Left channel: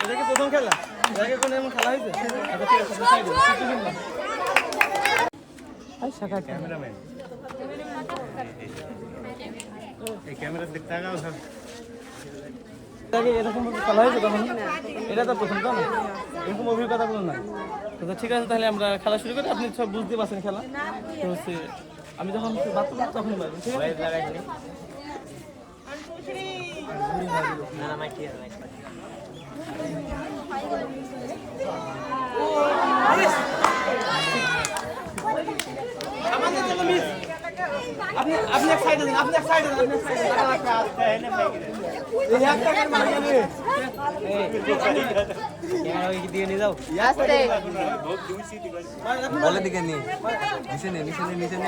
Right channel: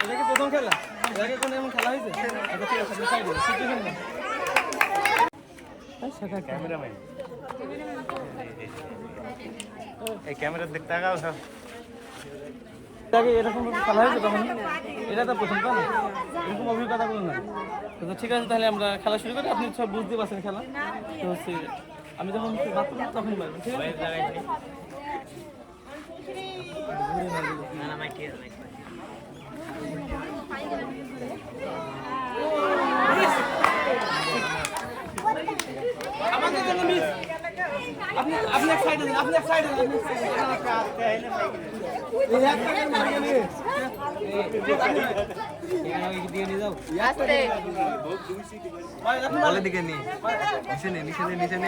এটা কি প্রথম খেলা আগে কোনো এমন খেলা হয়েছে আচ্ছা ঠিক সিচুয়েশন না আগে এরকম খেলা হয়েছে তখন এটা তো প্রথম, তাই না? এরকম কোনো নাই। তো তো ঠিক আছে, তাহলে আমরা খেলা শুরু করি। আপনি সব বুঝতে পারছেন খেলা। তো হচ্ছে, আমি যখন করব তখনই পারবেন ঠিক আছে? আমাদের জন্য মিস। আপনি আপনি এক সাইডে দিন আপনি এক সাইডে দিন আপনি সাইডে দিন মানে নিয়ে বলে দিকে নিয়ে নিচে নে নিচে নে নিচে নে